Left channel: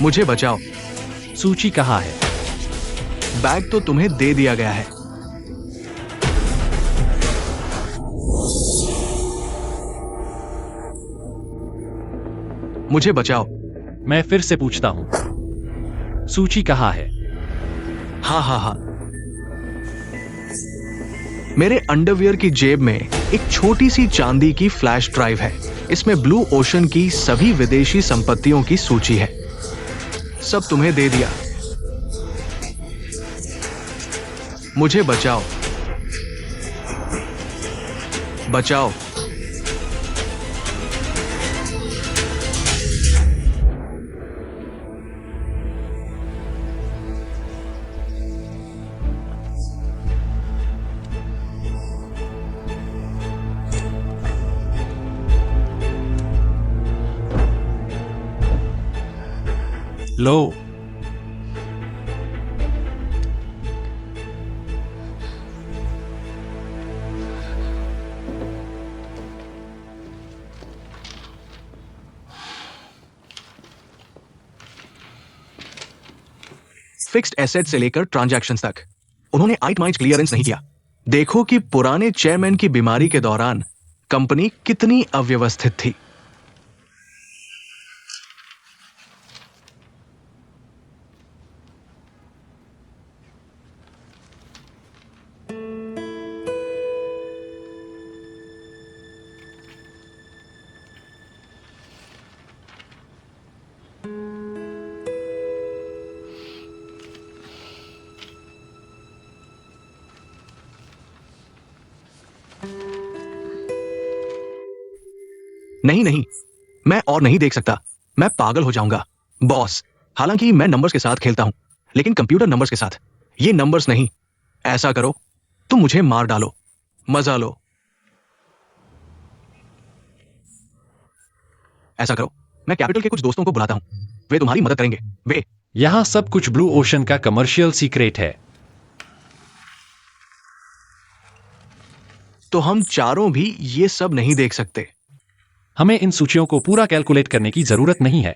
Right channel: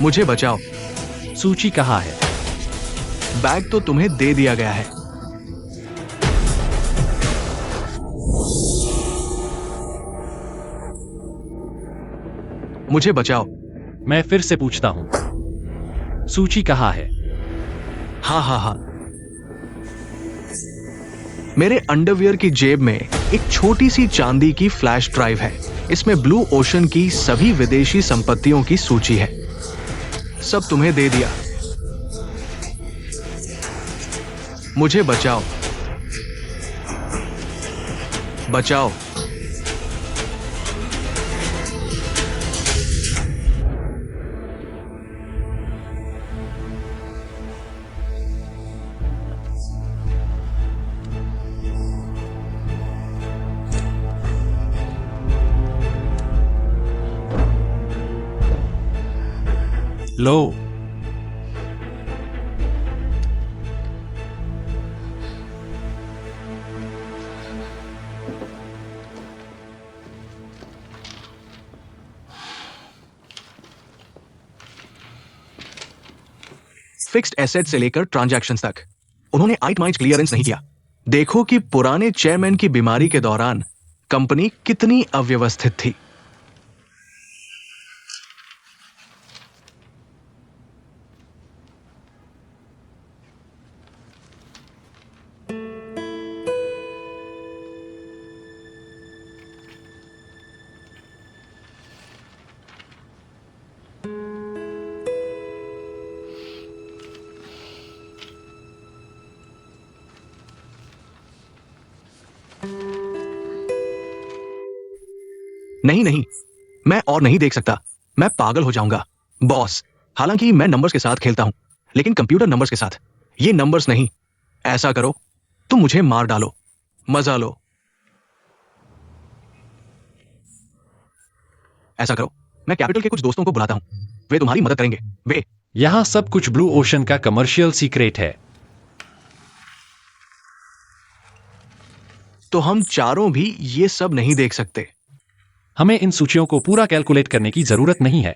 मुझे बचाओ। सूची कहाँ है? बैग तो तुम्हें दे दिया गया है। मुझे बचाओ। मैं फिर से पूछता हूँ, सूची कहाँ है? हाँ। मेरे अंडरवियर की जेब में एक छोटी सी चांदी की फ्लैश ड्राइव है। इसमें ब्लू ओशन की सभी विदेशी संपत्तियों की सूची है। सब तुम्हें दे दिया। मुझे बचाओ। बचाओ। लो। फिक्स्ड एसेट से लेकर ट्रांजैक्शंस तक उन्होंने आइटमाइज क्लियरेंस नहीं किया। देखो कि पुराने चेयरमैन की बीमारी के दौरान कंपनी कितनी अव्यवस्थित थी। नहीं, मैं और नहीं देख सकता। मैं पागल हो जाऊंगा बॉस। हालांकि मैं नंबर्स के साथ खेलता हूं, लेकिन कंप्यूटर नंबर्स के साथ। ये नंबर्स नहीं। ऐसा करो, तुम मुझे मार डालो, मजा लो। ऐसा करो, मैं कैपिटल के कुछ दोस्तों को बुलाता हूं। वे तुम्हारी मदद करेंगे। वे यहाँ सब कुछ ब्लू ओशन का कमर्शियल सीक्रेट है। तो हम चारों भी ये सब नहीं देख सकते। हमें इन सूचियों को पूरा कैलकुलेट करने की जरूरत नहीं है।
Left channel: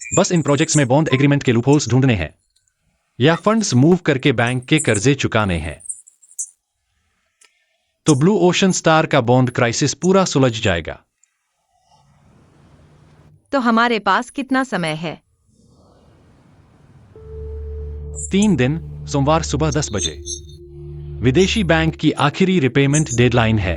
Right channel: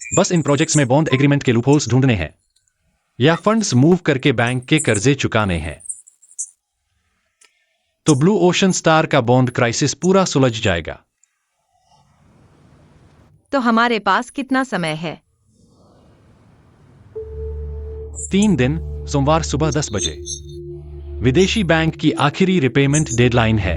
बस इन प्रोजेक्ट्स में बॉन्ड एग्रीमेंट के लूपहोल्स ढूंढने हैं या फंड्स मूव करके बैंक के कर्जे चुकाने हैं। तो ब्लू ओशन स्टार का बॉन्ड क्राइसिस पूरा सुलझ जाएगा। तो हमारे पास कितना समय है? 3 दिन, सोमवार सुबह 10 बजे। विदेशी बैंक की आखिरी रिपेमेंट डेडलाइन है।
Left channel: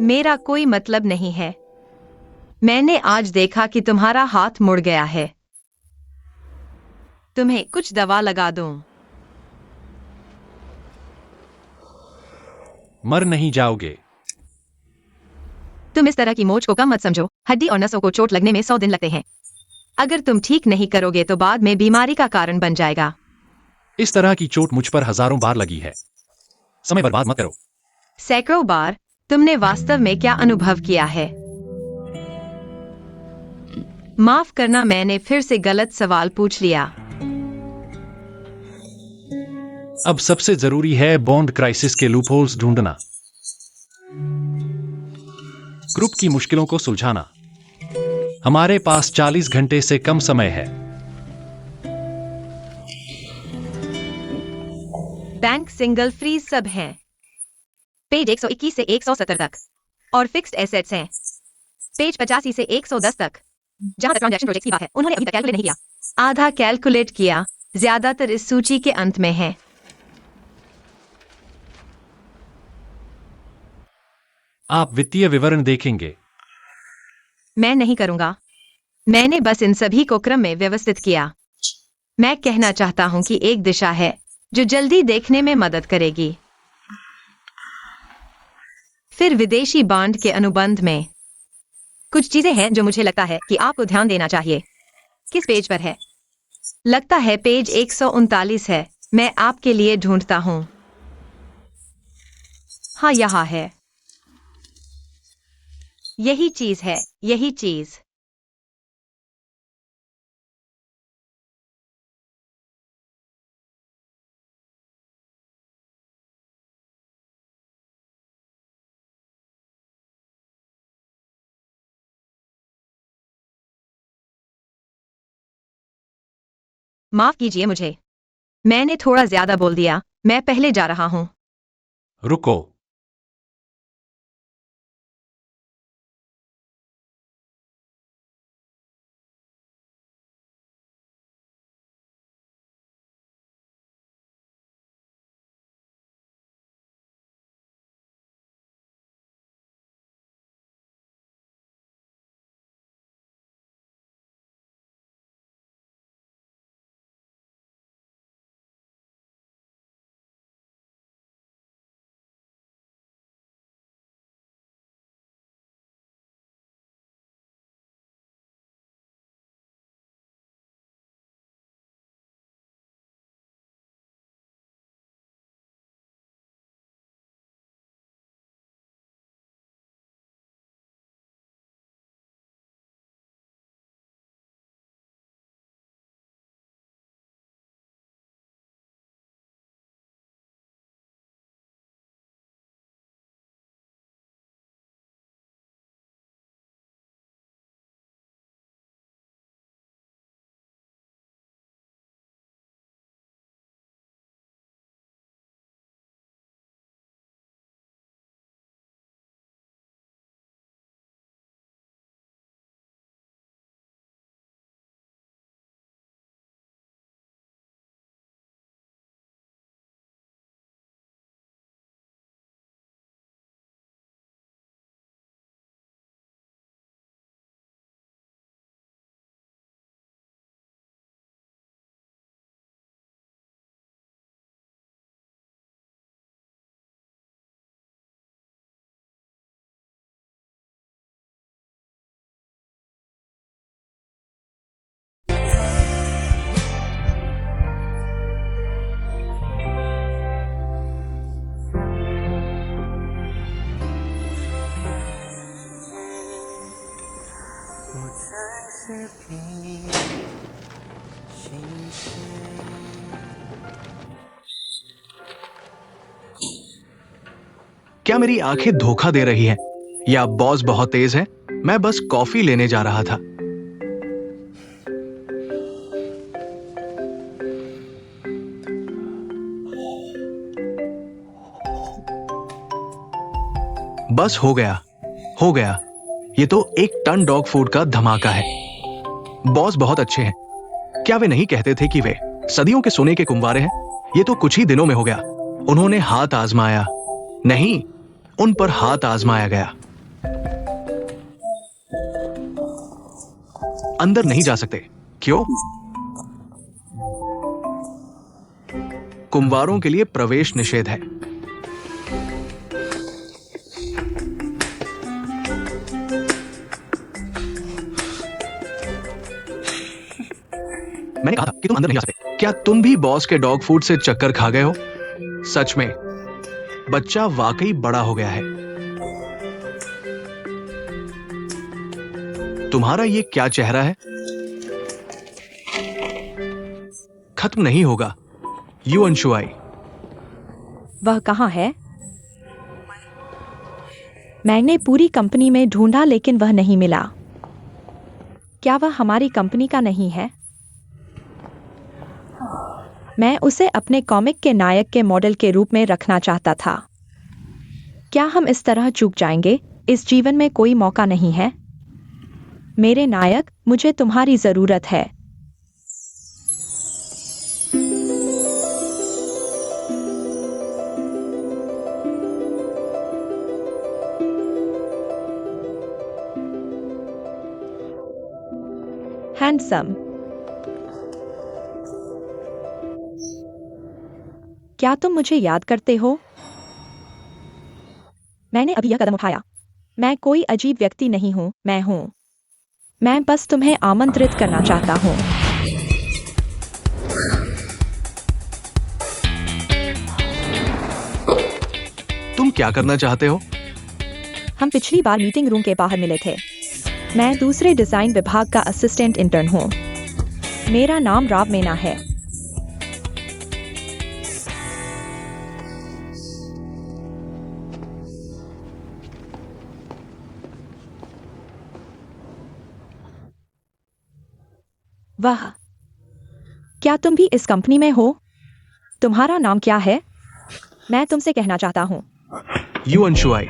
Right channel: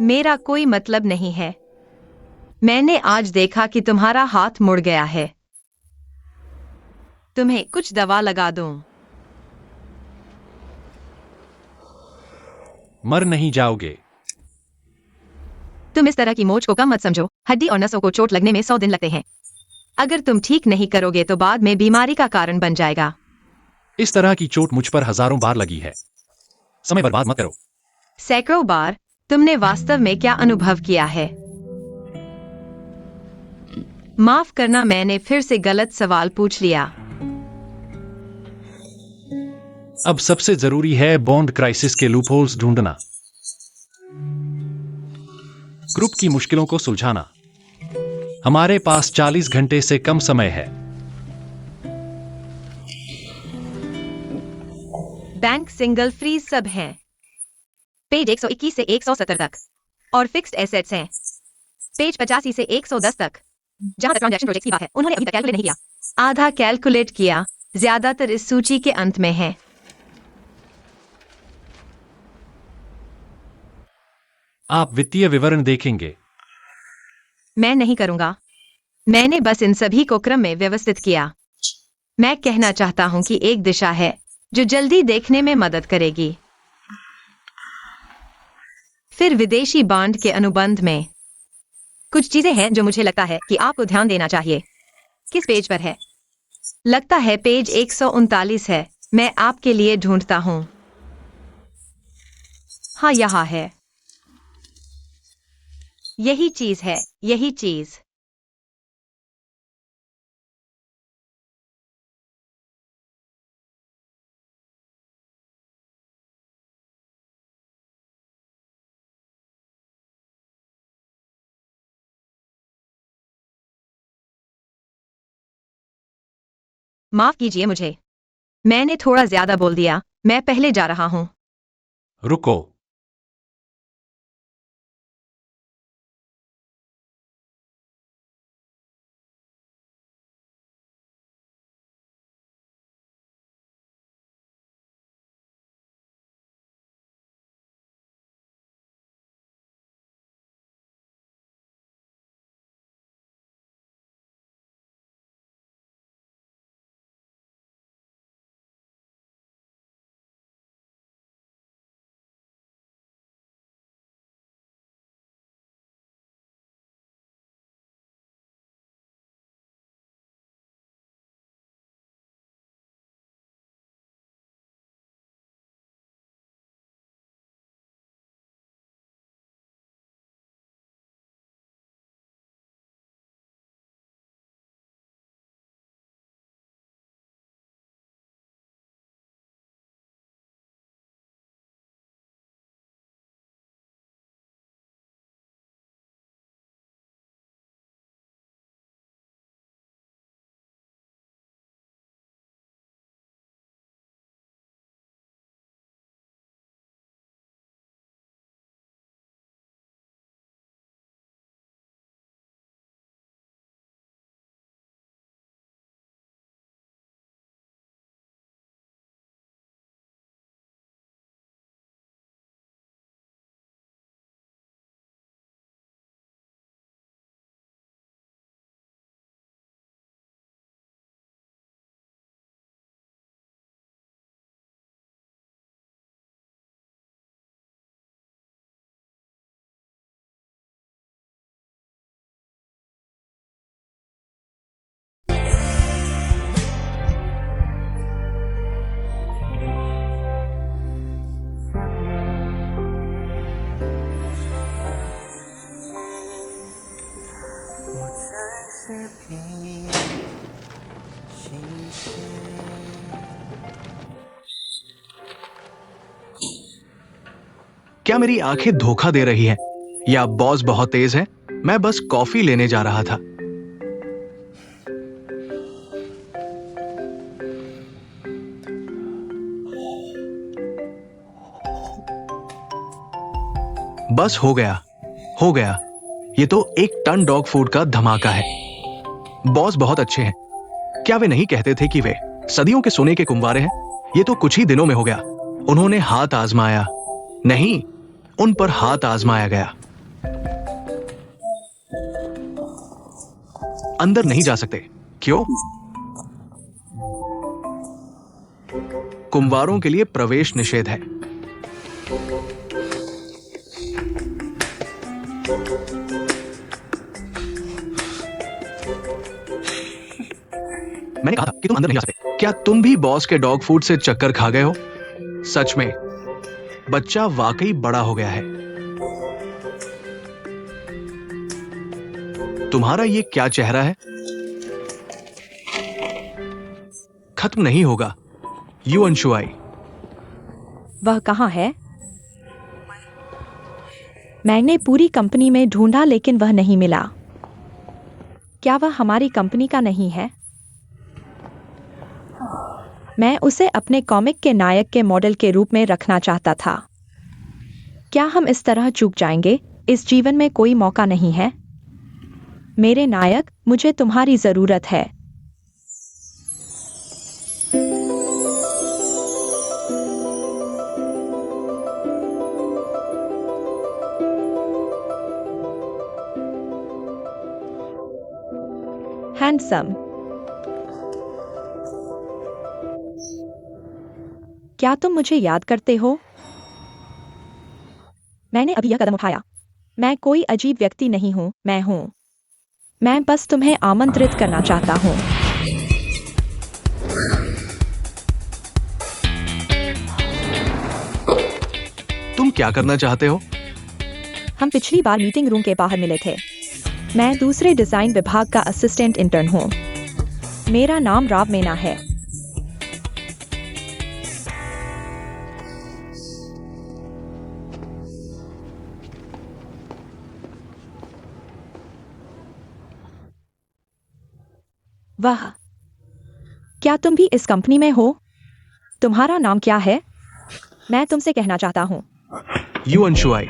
मेरा कोई मतलब नहीं है। मैंने आज देखा कि तुम्हारा हाथ मुड़ गया है। तुम्हें कुछ दवा लगा दूं? मर नहीं जाओगे। तुम इस तरह की मोच को कम मत समझो। हड्डी और नसों को चोट लगने में 100 दिन लगते हैं। अगर तुम ठीक नहीं करोगे तो बाद में बीमारी का कारण बन जाएगा। इस तरह की चोट मुझ पर हजारों बार लगी है। समय बर्बाद मत करो। सैकड़ों बार। तुमने वास्तव में क्या अनुभव किया है? माफ करना, मैंने फिर से गलत सवाल पूछ लिया। अब सबसे जरूरी है बॉन्ड क्राइसिस के लूपहोल्स ढूंढना, ग्रुप की मुश्किलों को सुलझाना। हमारे पास 40 घंटे से कम समय है। बैंक सिंगल फ्रीज सब हैं। पेज 121 से 170 तक और फिक्स्ड एसेट्स हैं पेज 85 से 110 तक। जहां तक ट्रांजैक्शन प्रोजेक्ट की बात है, उन्होंने अभी तक कैलकुलेट नहीं किया। आधा कैलकुलेट किया। ज्यादातर इस सूची के अंत में है। आप वित्तीय विवरण देखेंगे। मैं नहीं करूंगा। मैंने बस इन सभी को क्रम में व्यवस्थित किया। मैं कहना चाहता हूं कि एक दिशा है जो जल्दी देखने में मदद करेगी। फिर विदेशी बॉन्ड के अनुबंध में कुछ चीजें हैं जो मुझे लगता है कि आपको ध्यान देना चाहिए। किस पेज पर है? लगता है पेज 139 है। मैं आपके लिए ढूंढता हूं। हाँ, यहां है। यही चीज है, यही चीज। माफ कीजिए मुझे। मैंने थोड़ा ज्यादा बोल दिया। मैं पहले जा रहा हूं। रुको। क्या मेरी आंखें धोखा दे रही हैं? या बॉस बहुत तेज है? मैं बस कॉफी लेने जा रहा था। बस हो गया, हो गया। ये तो 1 टन डॉग फूड का धमाका है। बॉस बहुत अच्छे हैं। क्या वे नहीं कहते थे कि वे सदियों के सोने के कुंवारे हैं? ये तो कुछ ही दिनों में हो गया। उन्होंने हाथ आजमाया, नहीं, उन पर हाथ आजमाया गया। अंदर नहीं जा सकते। क्यों? कुंवारों के लिए प्रवेश निषेध है। मैंने कहा था कि तुम अंदर नहीं जा सकते। क्या तुम भी बॉस के डॉग फूड से चक्कर खा गए हो? सच में बच्चा वाकई बड़ा हो गया है। तुम्हारा ये क्या चेहरा है? खत्म नहीं होगा। यू अंशुआई। वह कहाँ है? मैंने पूरी कंपनी में ढूंढा लेकिन वह नहीं मिला। क्या वह हमारी कंपनी का नहीं है? मैं उसे अपने कॉमिक के नायक के मॉडल के रूप में रखना चाहता था। क्या हम इस तरह चूक जाएंगे? इस जीवन में कोई मौका नहीं है। मेरे नायक, मुझे तुम्हारी जरूरत है। हैंडसम। क्या तुम मुझे याद करते हो? मैंने अभी यह कदम उठाया। मैं कोई अजीब व्यक्ति नहीं हूं, मैं हूं। मैं बस तुम्हें आमंत्रित करना चाहता हूं। तुम क्या करना चाहते हो? हम पिछली बार मीटिंग रूम के बाहर मिले थे। मैं दूसरे डिजाइन विभाग का असिस्टेंट इंटर्न हूं। मेरा नाम राव मीना है। वाह, क्या तुम भी इस कंपनी में हो? तुम्हारा नाम क्या है? मैं तुमसे कहना चाहता हूं। यू अंशुआई।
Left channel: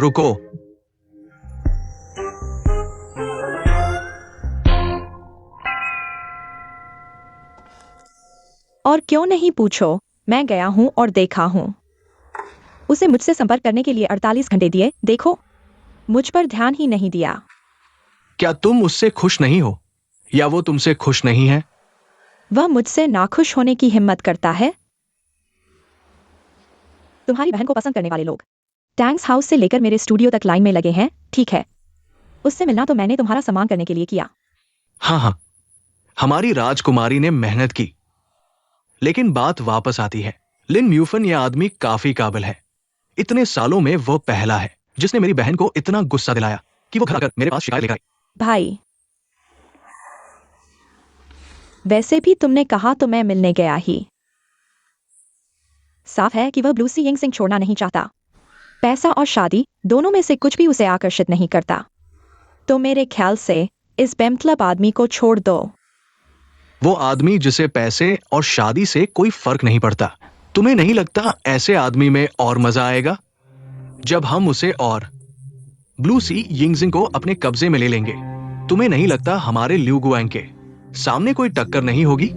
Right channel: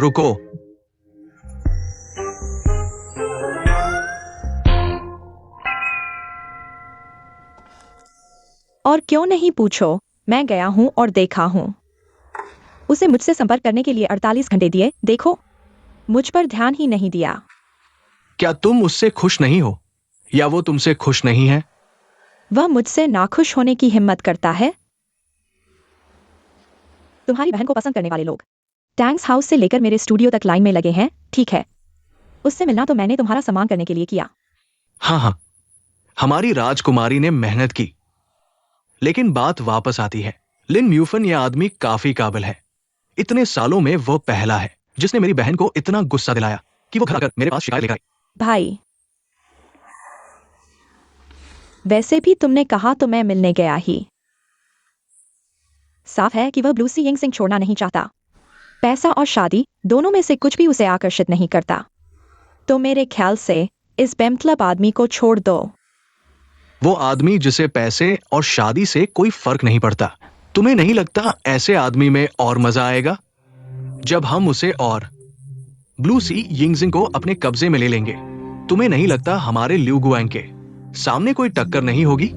रुको। और क्यों नहीं पूछो? मैं गया हूं और देखा हूं। उसे मुझसे संपर्क करने के लिए 48 घंटे दिए। देखो, मुझ पर ध्यान ही नहीं दिया। क्या तुम उससे खुश नहीं हो या वो तुमसे खुश नहीं है? वह मुझसे नाखुश होने की हिम्मत करता है। तुम्हारी बहन को पसंद करने वाले लोग टैंक्स हाउस से लेकर मेरे स्टूडियो तक लाइन में लगे हैं। ठीक है, उससे मिलना तो मैंने तुम्हारा सम्मान करने के लिए किया। हाँ, हमारी राजकुमारी ने मेहनत की। लेकिन बात वापस आती है। लिन म्यूफन यह आदमी काफी काबिल है। इतने सालों में वो पहला है जिसने मेरी बहन को इतना गुस्सा दिलाया कि वो घर आकर मेरे पास शिकायत लेकर आई। भाई, वैसे भी तुमने कहा तो मैं मिलने गया ही। साफ है कि वह ब्लूसी यिंग सिंह छोड़ना नहीं चाहता। पैसा और शादी दोनों में से कुछ भी उसे आकर्षित नहीं करता। तो मेरे ख्याल से इस बेमतलब आदमी को छोड़ दो। वो आदमी जिसे पैसे और शादी से कोई फर्क नहीं पड़ता। तुम्हें नहीं लगता ऐसे आदमी में और मजा आएगा जब हम उसे और ब्लूसी यिंगजिंग को अपने कब्जे में ले लेंगे? तुम्हें नहीं लगता हमारे ल्यू गुआंग के सामने कोई टक्कर नहीं होगी?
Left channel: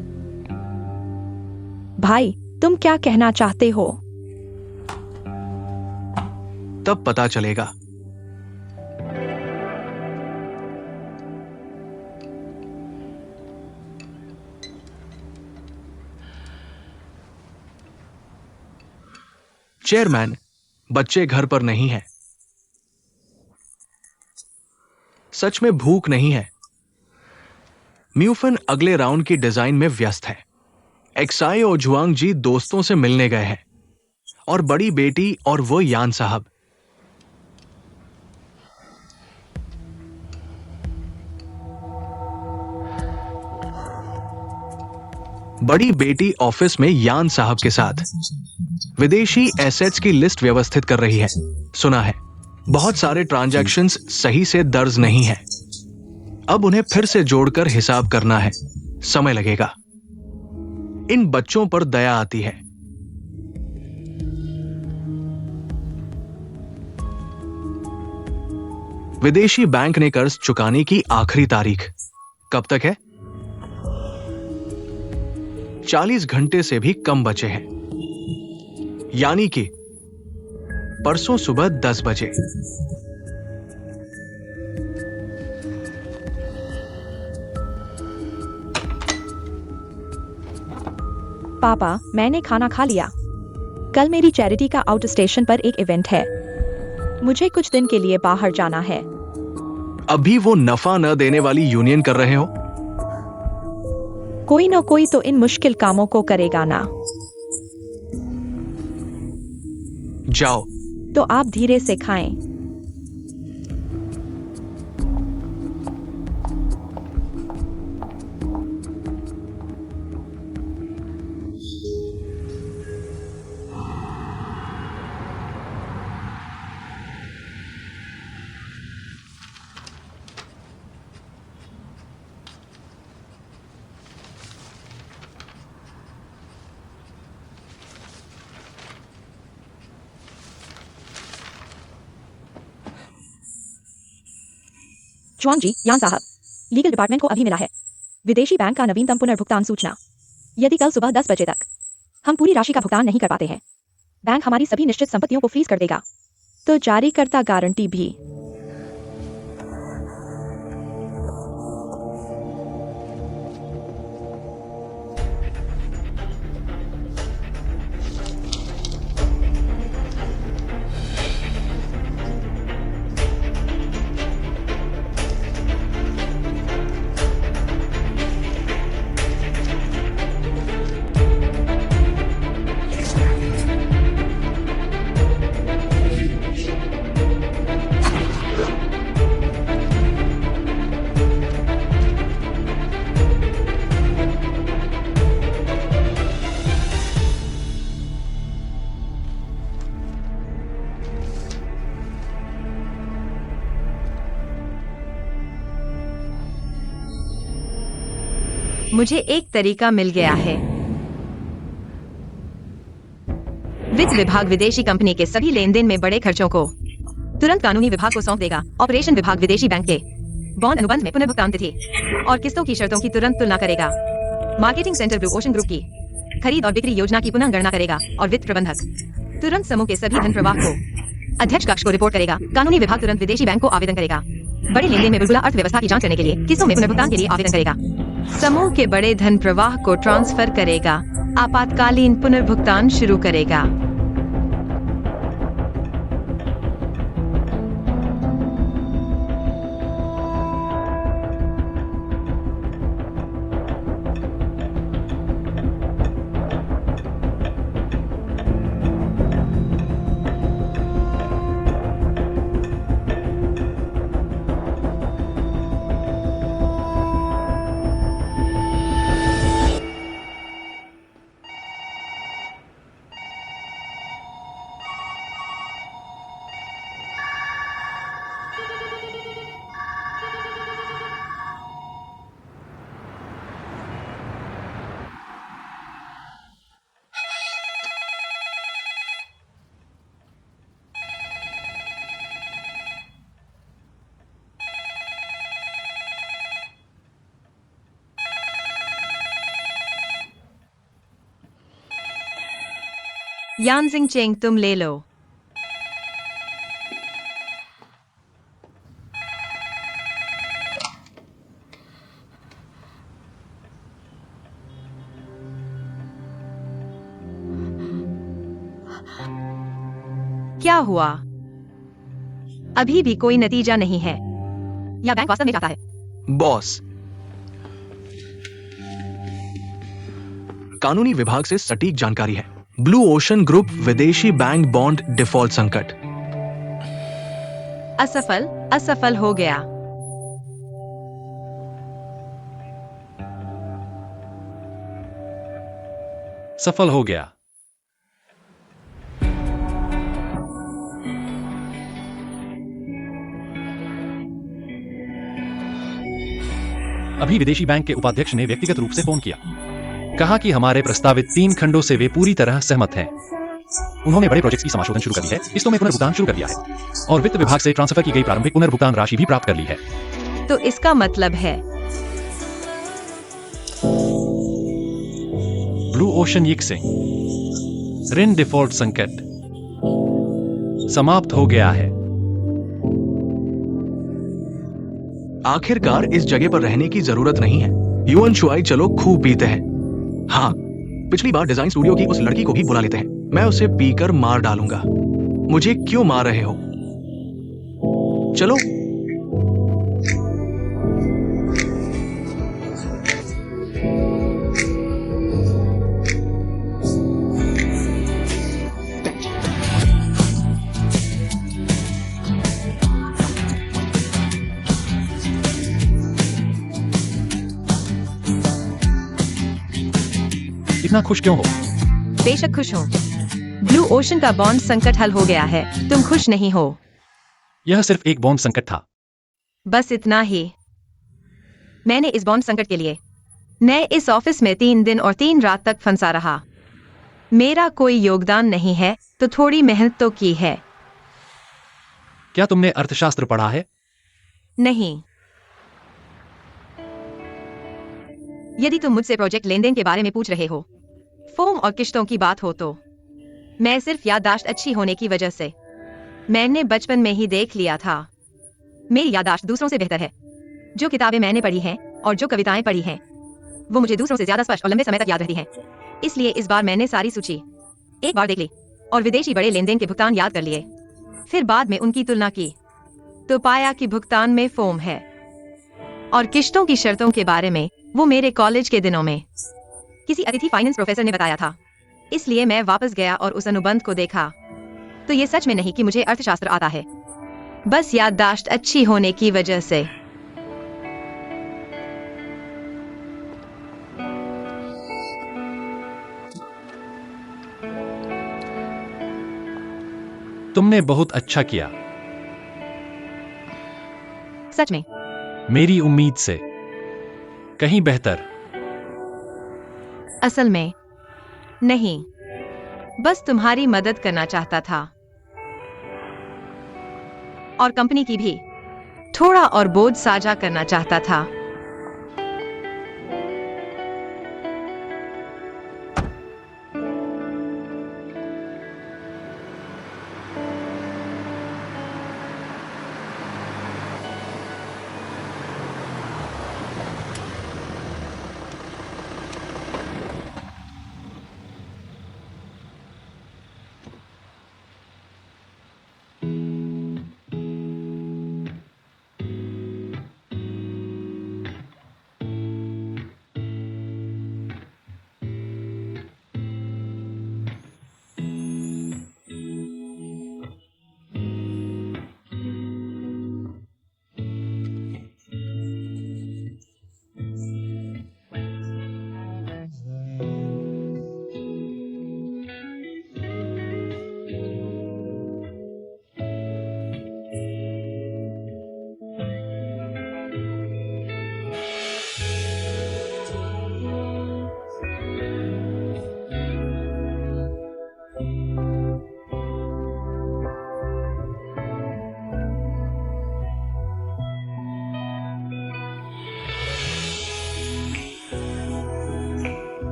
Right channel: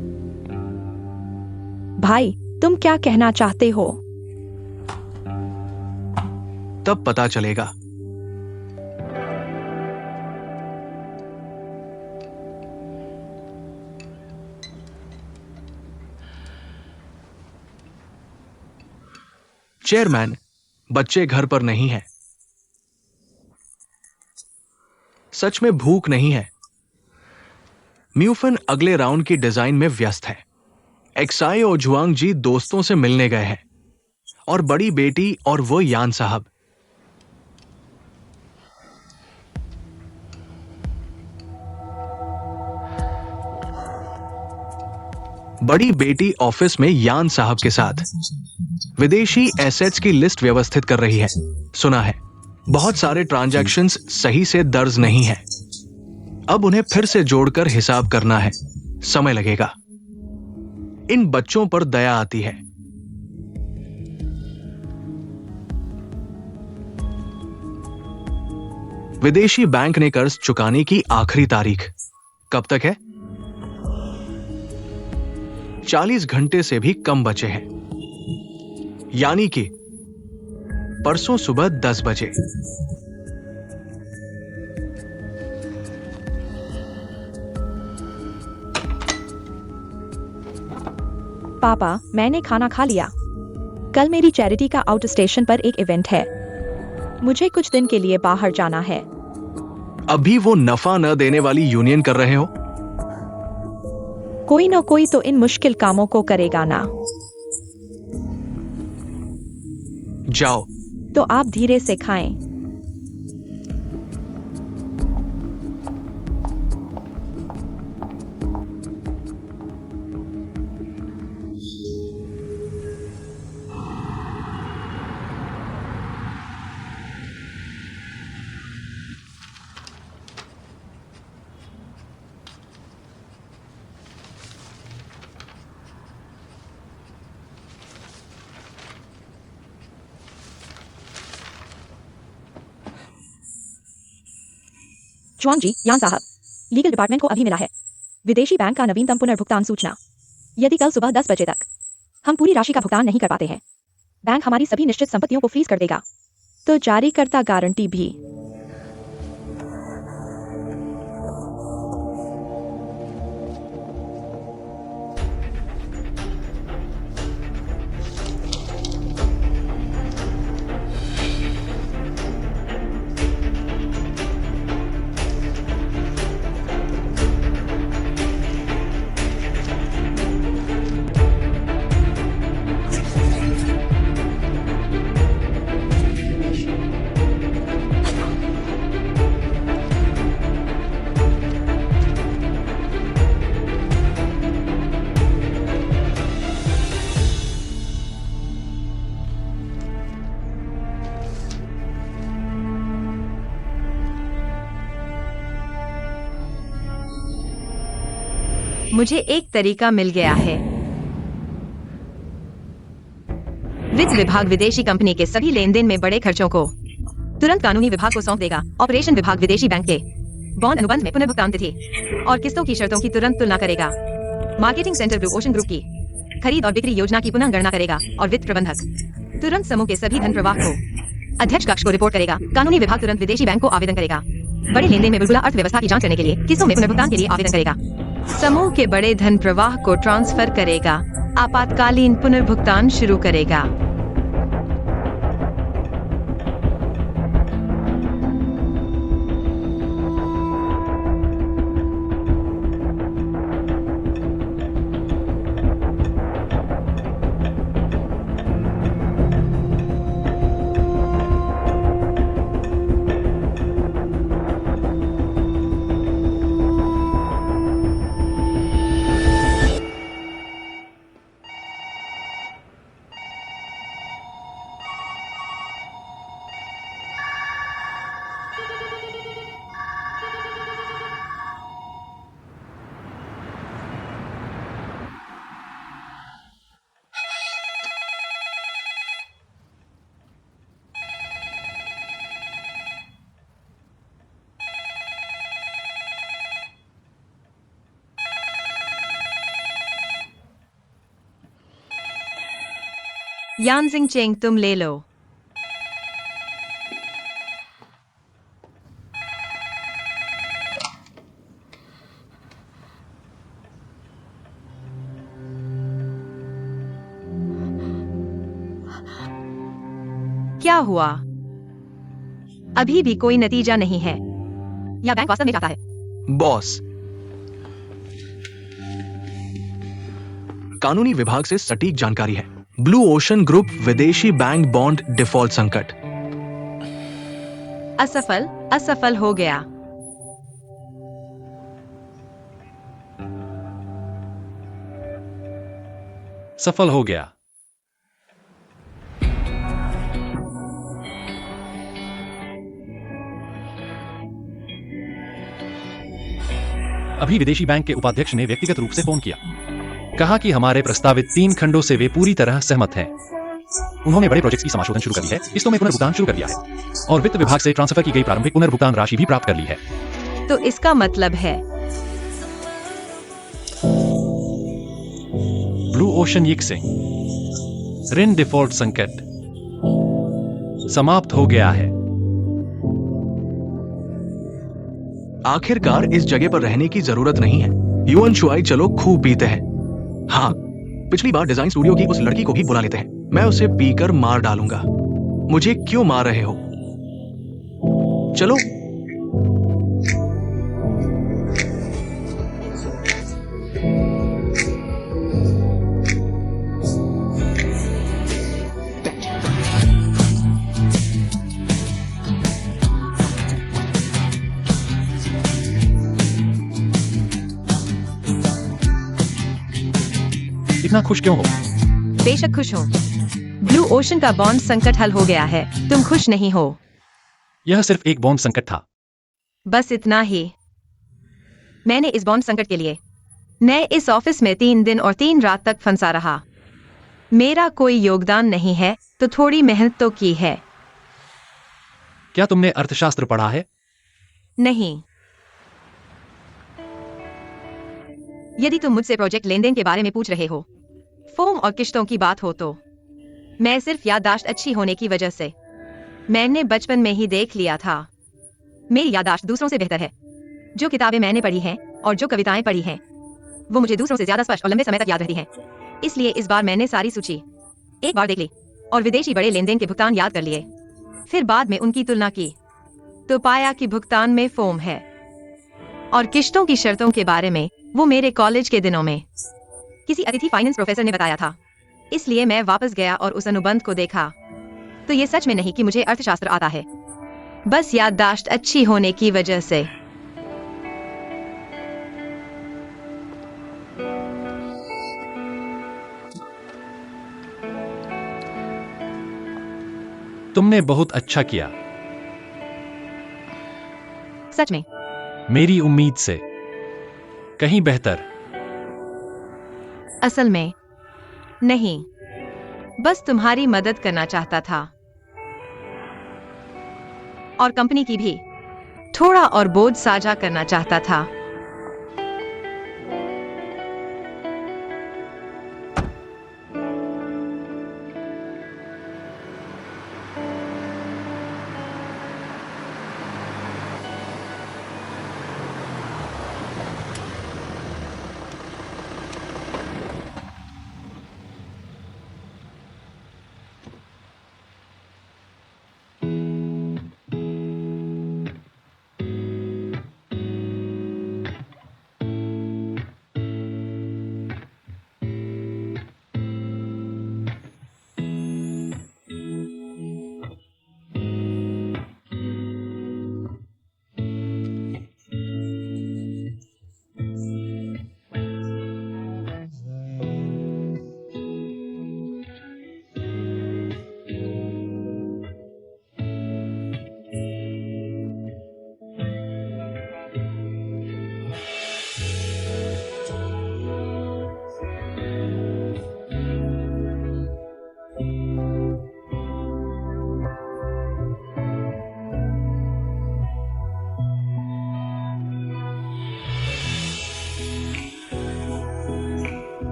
भाई, तुम क्या कहना चाहते हो? तब पता चलेगा। चेयरमैन, बच्चे घर पर नहीं है। सच में भूख नहीं है। म्यूफन अगले राउंड की डिजाइन में व्यस्त है। एक्साई और जुआंग जी दोस्तों से मिलने गए हैं और बड़ी बेटी और वो यान साहब। बड़ी बेटी ऑफिस में यान साहब के साथ विदेशी एसेट्स की लिस्ट व्यवस्थित कर रही है। सुना है बहुत सारे ट्रांजैक्शंस सही से दर्ज नहीं है। अब उन्हें फिर से जोड़कर हिसाब करना है। समय लगेगा। इन बच्चों पर दया आती है। विदेशी बैंक ने कर्ज चुकाने की आखिरी तारीख कब तक है? 40 घंटे से भी कम बचे हैं। यानी कि परसों सुबह 10 बजे। पापा, मैंने खाना खा लिया। कल मेरी चैरिटी का आउट स्टेशन पर एक इवेंट है। मुझे कुछ दिन के लिए बाहर जाना है। अभी वो नफा न देने वाली यूनियन कर रहे हो? कोई न कोई तो इन मुश्किल कामों को करेगा ना। जाओ। तो आप धीरे से खाएं। च्वांग जी, यान साहब, लीगल डिपार्टमेंट को अभी मिला है विदेशी बैंक का नवीनतम पुनर्भुगतान सूचना। यदि कल सुबह 10 बजे तक हम पूरी राशि का भुगतान नहीं कर पाते हैं, बैंक हमारी सभी निश्चित संपत्तियों को फ्रीज कर देगा। तो जारीकर्ता गारंटी भी। मुझे एक तरीका मिल गया है। वित्त विभाग विदेशी कंपनी के सभी लेन देन में बड़े खर्चों को तुरंत कानूनी विभाग को सौंप देगा। ऑपरेशन विभाग विदेशी बैंक के बॉन्ड अनुबंध में पुनर्भुगतान तिथि और किस्तों की शर्तों की तुरंत तुलना करेगा। Marketing centre blue ocean group की खरीद और बिक्री योजना की पुनः गणना करेगा और वित्त प्रबंधक तुरंत समूह के सभी धन प्रवाह को अध्यक्ष कक्ष को रिपोर्ट करेगा। कानूनी विभाग तुरंत विदेशी बैंक को आवेदन करेगा। बड़े लेन देन में बुलबुला अर्थव्यवस्था की जांच करने के लिए किस्तों में पुनर्भुगतान के लिए आवेदन करेगा। समूह के बड़े धन प्रवाह को ट्रांसफर करेगा। आपातकालीन पुनर्भुगतान शुरू करेगा। यानजिंग चेंग, तुम ले लो। क्या हुआ? अभी भी कोई नतीजा नहीं है या बैंक वास्तव में चाहता है? बॉस, कानूनी विभाग से सटीक जानकारी है। ब्लू ओशन ग्रुप विदेशी बैंक बॉन्ड डिफॉल्ट संकट। असफल, असफल हो गया। सफल हो गया। अभी विदेशी बैंक के उपाध्यक्ष ने व्यक्तिगत रूप से फोन किया, कहा कि हमारे प्रस्तावित 3 खंडों से वे पूरी तरह सहमत हैं। उन्होंने बड़े प्रोजेक्ट्स की समाशोधन शुरू कर दी है, किस्तों में पुनर्भुगतान शुरू कर दिया है और वित्त विभाग से ट्रांसफर की गई प्रारंभिक पुनर्भुगतान राशि भी प्राप्त कर ली है। तो इसका मतलब है ब्लू ओशन यिक्सिंग, ऋण डिफॉल्ट संकट समाप्त हो गया है। आखिरकार इस जगह पर रहने की जरूरत नहीं है। युवन शुआई, चलो खूब पीते हैं। हाँ, पिछली बार डिजाइन स्टूडियो की उस लड़की को भी बुला लेते हैं। मैं उसे पीकर मार डालूंगा। मुझे क्यों मार रहे हो? चलो। इतना खुश क्यों हो? बेशक खुश हूँ। ब्लू ओशन का बॉन्ड संकट हल हो गया है। तुम खुश नहीं हो? यह सिर्फ एक बॉन्ड संकट था। बस इतना ही। मैंने इस बॉन्ड संकट के लिए मैं इस ऑफिस में 3 दिन और 3 रात तक फंसा रहा। मेरा कोई योगदान नहीं है, तो थोड़ी मेहनत तो की है। क्या तुमने अर्थशास्त्र पढ़ा है? नहीं। यदि तुम मुझसे प्रोजेक्ट लेनदेन के बारे में पूछ रहे हो, फॉर्म और किश्तों की बात हो, तो मैं सिर्फ याददाश्त अच्छी होने की वजह से मैंने बचपन में ही देख लिया था। मेरी याददाश्त दूसरों से बेहतर है। जो किताबें मैंने पढ़ी हैं और जो कविताएं पढ़ी हैं, वो मुझे दूसरों से ज्यादा स्पष्ट और लंबे समय तक याद रहती हैं। इसलिए इस बार मैंने सारी सूची एक बार देख ली और विदेशी बड़े लेनदेन के भुगतान याद कर लिए। फिर बाद में उनकी तुलना की तो पाया कि भुगतान में फॉर्म है और किश्तों की शर्तों के बारे में वो मेरे कॉलेज के दिनों में किसी अतिथि फाइनेंस प्रोफेसर ने बताया था। इसलिए मैं वापस गया और उस अनुबंध को देखा। तो ये सच में नहीं कि मुझे अर्थशास्त्र आता है, बस याददाश्त अच्छी होने की वजह से। तुमने बहुत अच्छा किया। सच में? मेरी उम्मीद से कहीं बेहतर। असल में नहीं, बस तुम्हारी मदद करना चाहता था और कंपनी की भी थोड़ा और बोझ साझा करना चाहता था।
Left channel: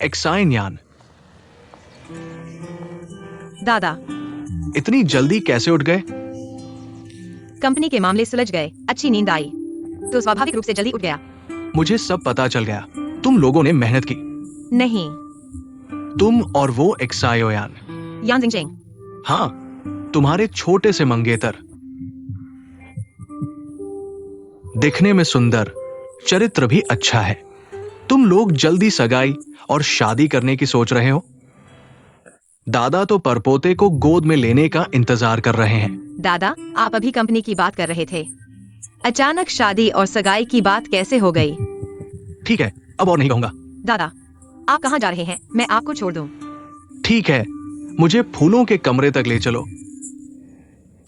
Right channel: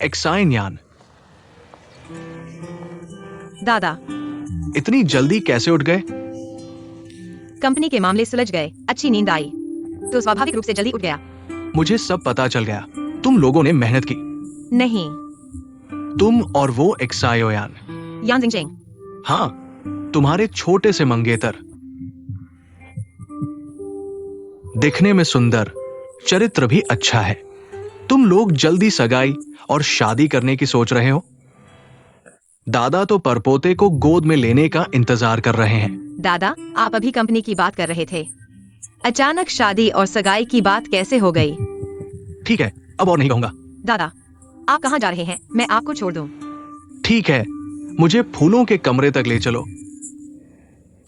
एक्साइन यान, दादा, इतनी जल्दी कैसे उठ गए? कंपनी के मामले सुलझ गए, अच्छी नींद आई, तो स्वाभाविक रूप से जल्दी उठ गया। मुझे सब पता चल गया। तुम लोगों ने मेहनत की। नहीं। तुम और वो एक्सायो यान। यान जिंगचेंग। हाँ, तुम्हारे छोटे से मंगेतर। दिखने में सुंदर, चरित्र भी अच्छा है। तुम लोग जल्दी सगाई और शादी करने की सोच रहे हो। दादा तो परपोते को गोद में लेने का इंतजार कर रहे हैं। दादा, आप अभी कंपनी की बात कर रहे थे, अचानक शादी और सगाई की बात कैसे हो गई? ठीक है, अब और नहीं कहूंगा। दादा, आप कहाँ जा रहे हैं? मैं आपको छोड़ दूं। ठीक है, मुझे फूलों के कमरे तक ले चलो।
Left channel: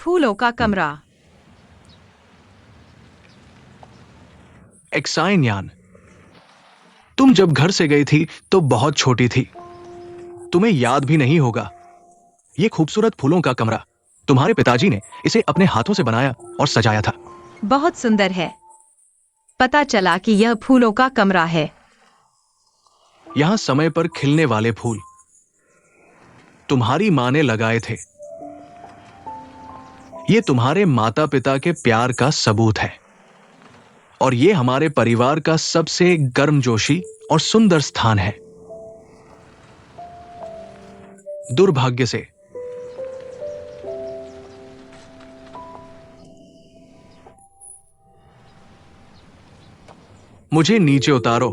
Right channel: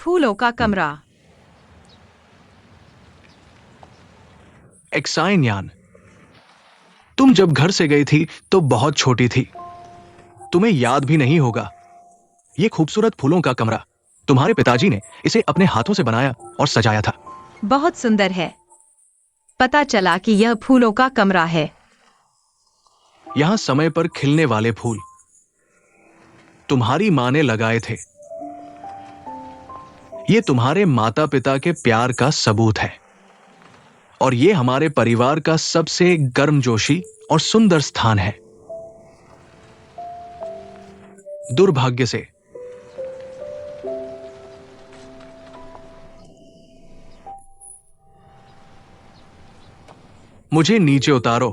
फूलों का कमरा? एक्साइन यान, तुम जब घर से गई थी तो बहुत छोटी थी, तुम्हें याद भी नहीं होगा। ये खूबसूरत फूलों का कमरा तुम्हारे पिताजी ने इसे अपने हाथों से बनाया और सजाया था। बहुत सुंदर है। पता चला कि यह फूलों का कमरा है। यहां समय पर खिलने वाले फूल तुम्हारी मां ने लगाए थे। ये तुम्हारे माता पिता के प्यार का सबूत है और ये हमारे परिवार का सबसे गर्मजोशी और सुंदर स्थान है। दुर्भाग्य से मुझे नीचे उतारो।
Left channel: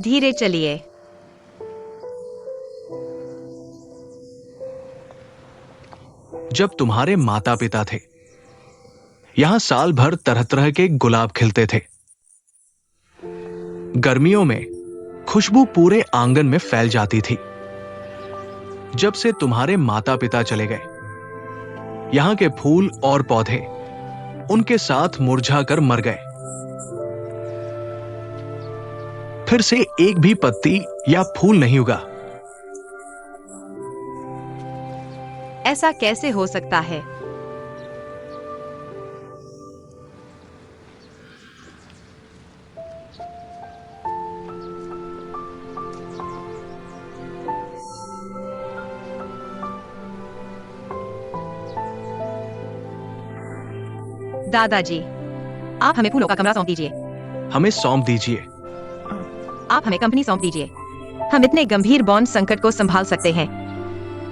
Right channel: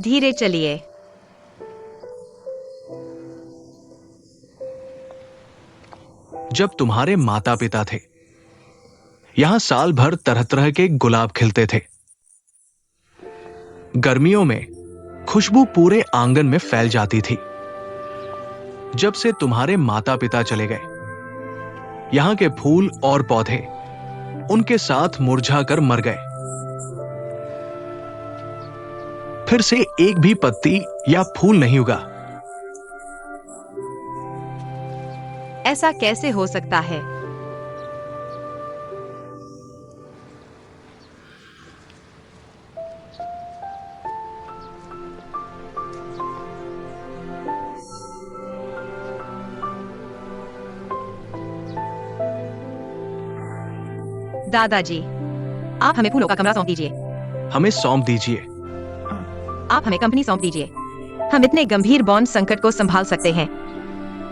धीरे चलिए। जब तुम्हारे माता पिता थे, यहां साल भर तरह तरह के गुलाब खिलते थे। गर्मियों में खुशबू पूरे आंगन में फैल जाती थी। जब से तुम्हारे माता पिता चले गए, यहां के फूल और पौधे उनके साथ मुरझाकर मर गए। फिर से एक भी पत्ती या फूल नहीं उगा। ऐसा कैसे हो सकता है? दादाजी, आप हमें फूलों का कमरा सौंप दीजिए। हमें सौंप दीजिए। आप हमें कंपनी सौंप दीजिए। हम इतने गंभीर बॉन्ड संकट को संभाल सकते हैं।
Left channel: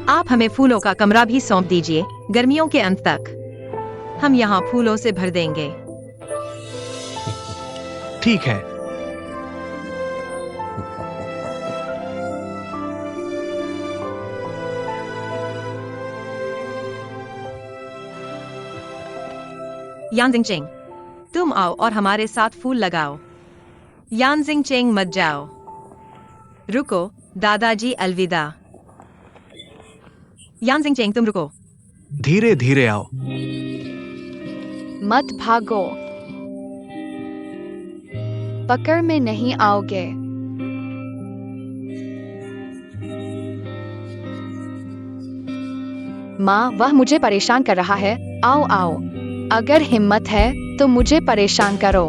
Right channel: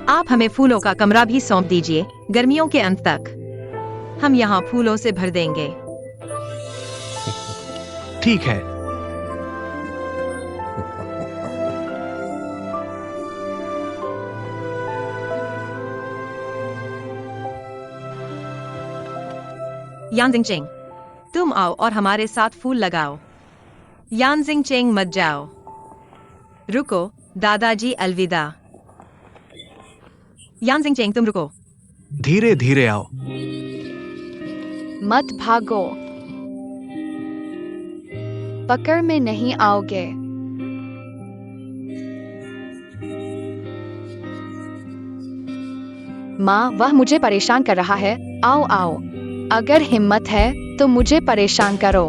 आप हमें फूलों का कमरा भी सौंप दीजिए। गर्मियों के अंत तक हम यहाँ फूलों से भर देंगे। ठीक है। यानजिंग चेंग, तुम आओ और हमारे साथ फूल लगाओ। यानजिंग चेंग मत जाओ। रुको दादाजी, अलविदा। यानजिंग चेंग, तुम रुको। धीरे धीरे आओ। मत भागो, पकड़ में नहीं आओगे। माँ, वह मुझे परेशान कर रहा है। आओ आओ, अगर हिम्मत है तो मुझे परेशान करो।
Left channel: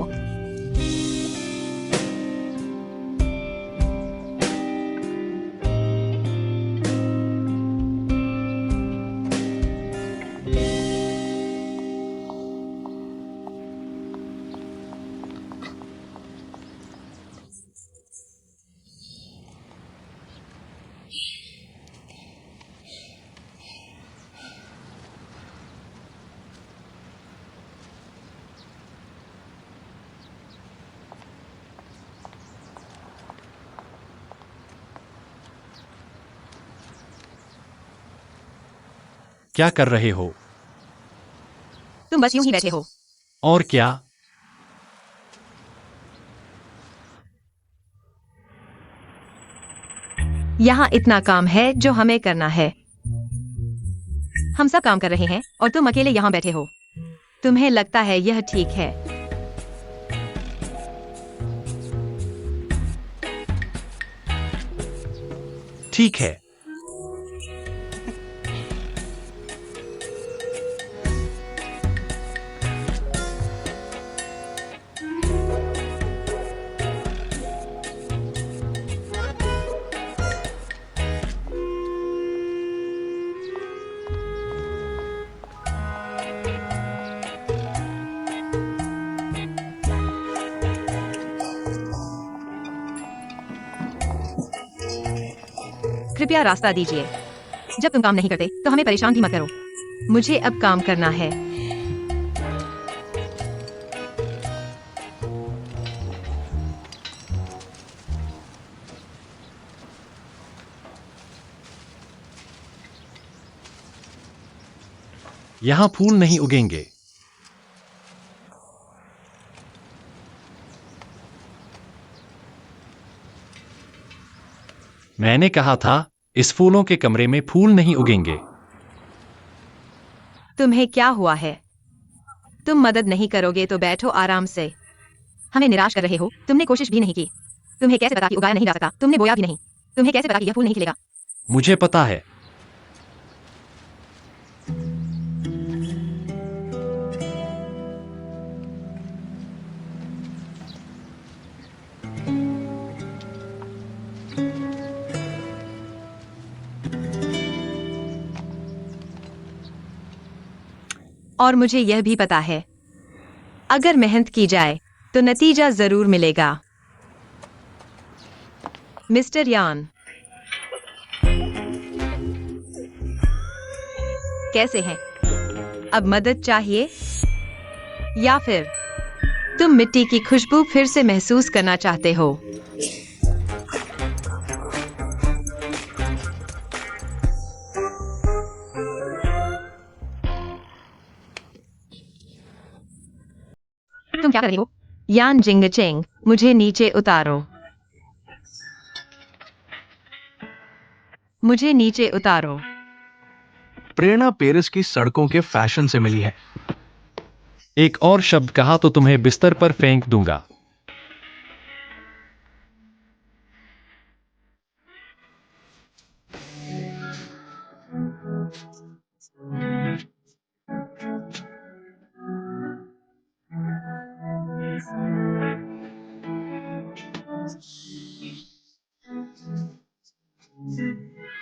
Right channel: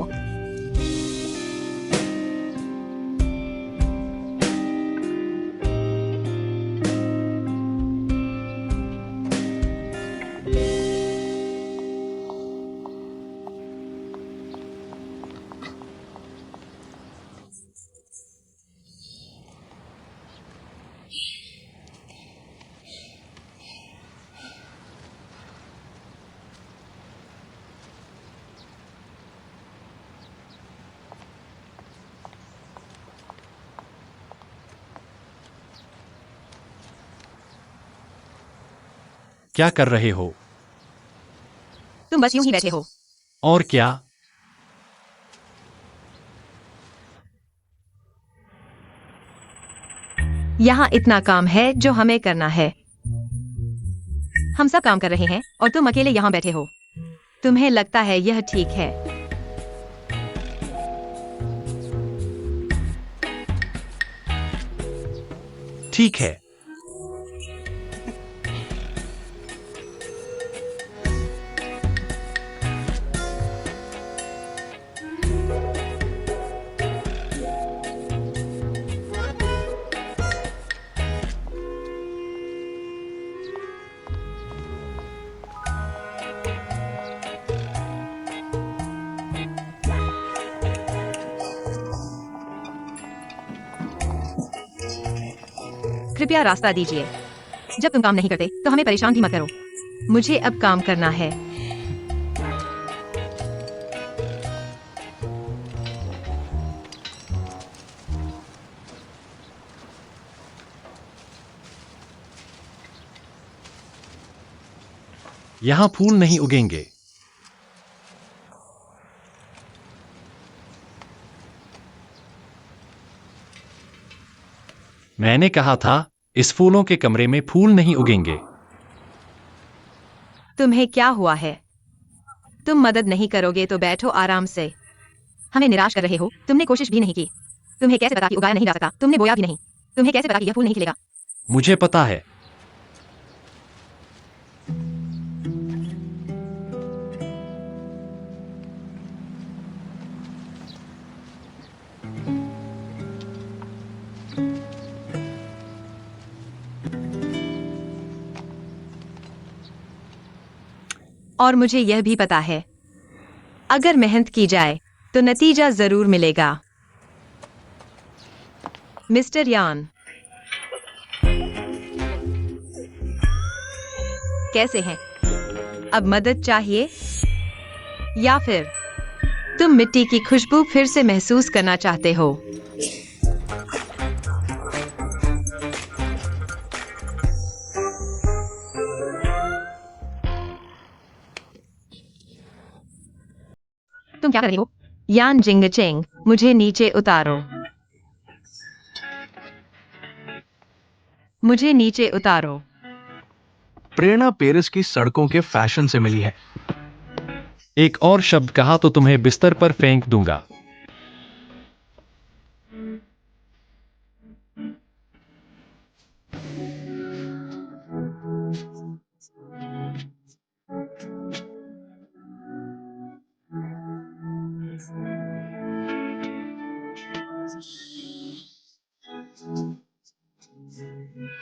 क्या कर रहे हो? तुम बस यूं ही बैठे हो। और क्या? यहाँ इतना काम है जो हमें करना है। हम सब काम कर रहे हैं और तुम अकेले यहाँ बैठे हो। तुम्हें लगता है यह ठीक है? ठीक है। कृपया रास्ता दीजिए। जब तुम काम नहीं करते तो हमें परेशान भी मत करो। मुझे अब काम करना है। यहाँ फूल नहीं उगेंगे। मैंने कहा था, इस फूलों के कमरे में फूल नहीं उगेंगे। तुम्हें क्या हुआ है? तुम मदद नहीं करोगे तो बैठो आराम से। हमें निराश कर रहे हो? तुमने कोशिश भी नहीं की। तुम्हें कैसे पता कि उगाया नहीं जा सकता? तुमने बोया भी नहीं। तुम्हें कैसे पता कि यह फूल नहीं खिलेगा? मुझे पता है। और मुझे यह भी पता है, अगर मेहनत की जाए तो नतीजा जरूर मिलेगा। मिस्टर यान, कैसे हैं? अब मदद चाहिए या फिर तुम मिट्टी की खुशबू फिर से महसूस करना चाहते हो? तुम क्या कर रही हो? यान जिंगचेंग, मुझे नीचे उतारो। मुझे नीचे उतारो। प्रेरणा पेरिस की सड़कों के फैशन से मिली है। एक और शब्द कहा तो तुम्हें बिस्तर पर फेंक दूंगा।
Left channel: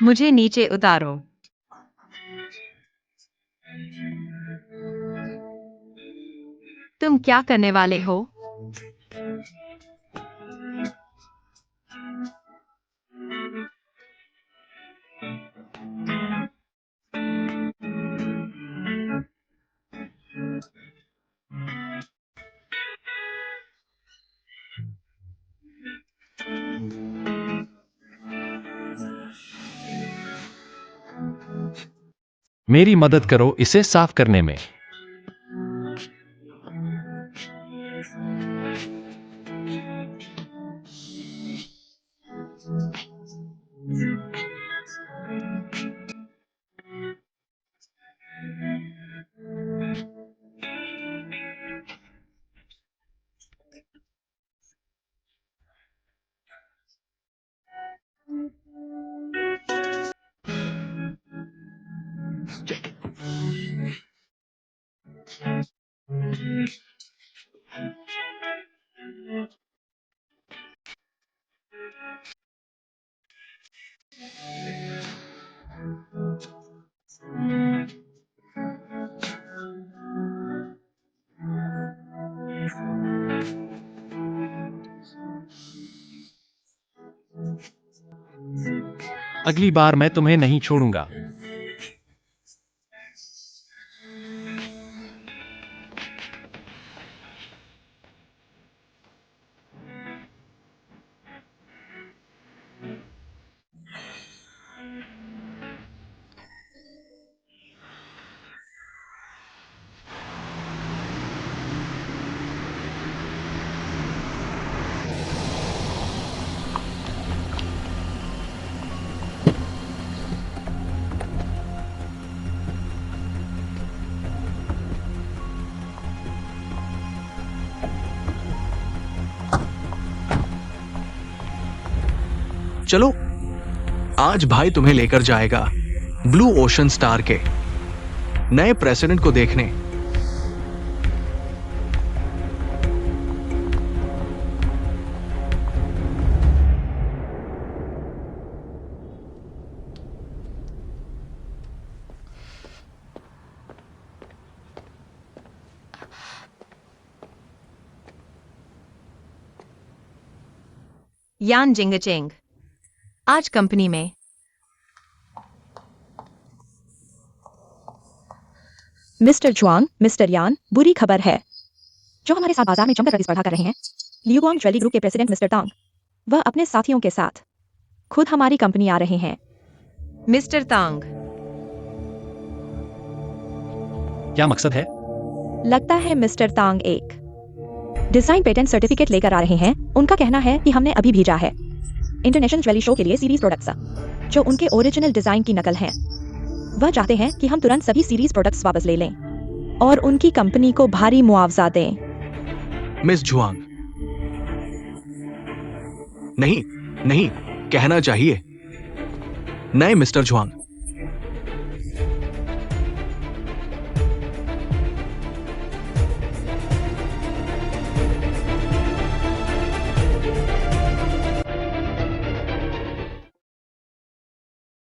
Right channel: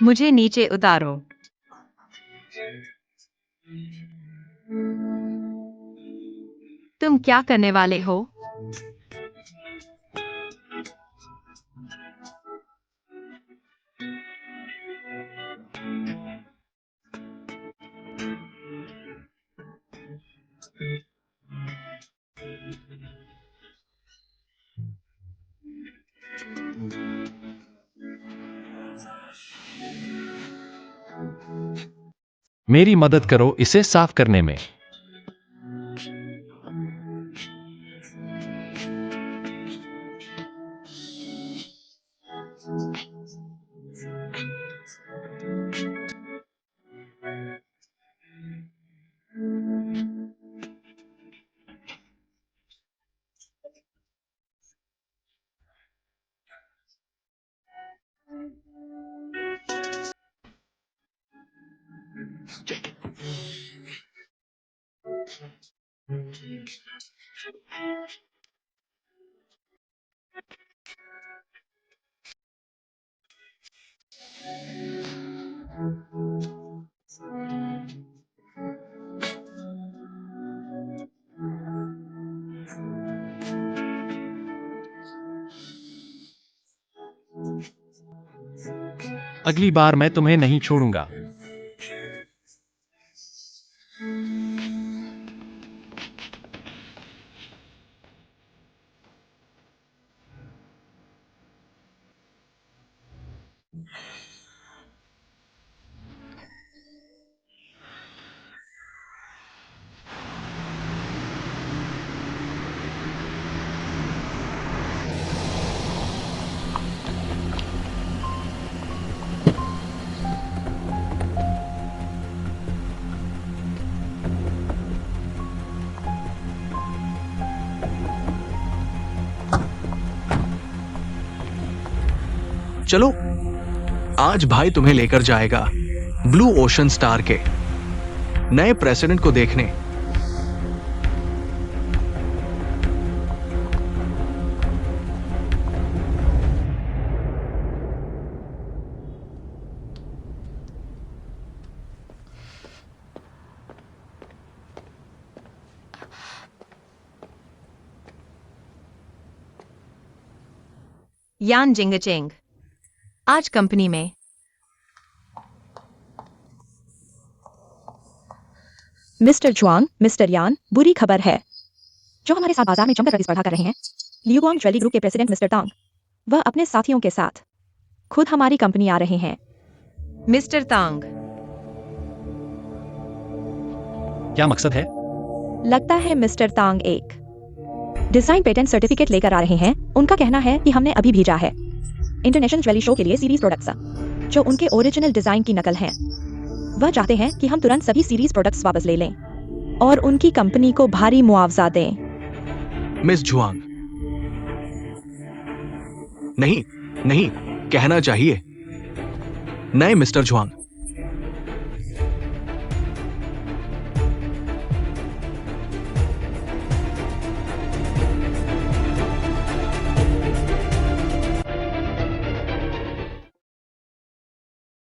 मुझे नीचे उतारो। तुम क्या करने वाले हो? मेरी मदद करो इसे साफ करने में। अगली बार मैं तुम्हें नहीं छोड़ूंगा। चलो, आज भाई तुम्हें लेकर जाएगा ब्लू ओशन स्टार के नए प्रेसिडेंट को देखने। यान जिंगचेंग, आज कंपनी में मिस्टर जुआंग, मिस्टर यान, बुरी खबर है। जो हमारे साथ बाजार में जमकर प्रतिस्पर्धा कर रहे हैं, लियुआंग ज्वेलरी ग्रुप के प्रेसिडेंट मिस्टर तांग, वह अपने साथियों के साथ खुद हमारी कंपनी आ रहे हैं। मिस्टर तांग, क्या मकसद है? लगता है मिस्टर तांग एक डिजाइन पेटेंट सर्टिफिकेट लेकर आ रहे हैं। उनका कहना है कि हमने अभी भेजा है इंटरनेशनल ज्वेलरी शो के लिए सीरीज प्रोडक्ट्स जो उनके ओरिजिनल डिजाइन की नकल हैं। वह चाहते हैं कि हम तुरंत सभी सीरीज प्रोडक्ट्स वापस ले लें और उनकी कंपनी को भारी मुआवजा दें। मिस जुआंग, नहीं नहीं, कहना चाहिए नए मिस्टर जुआंग,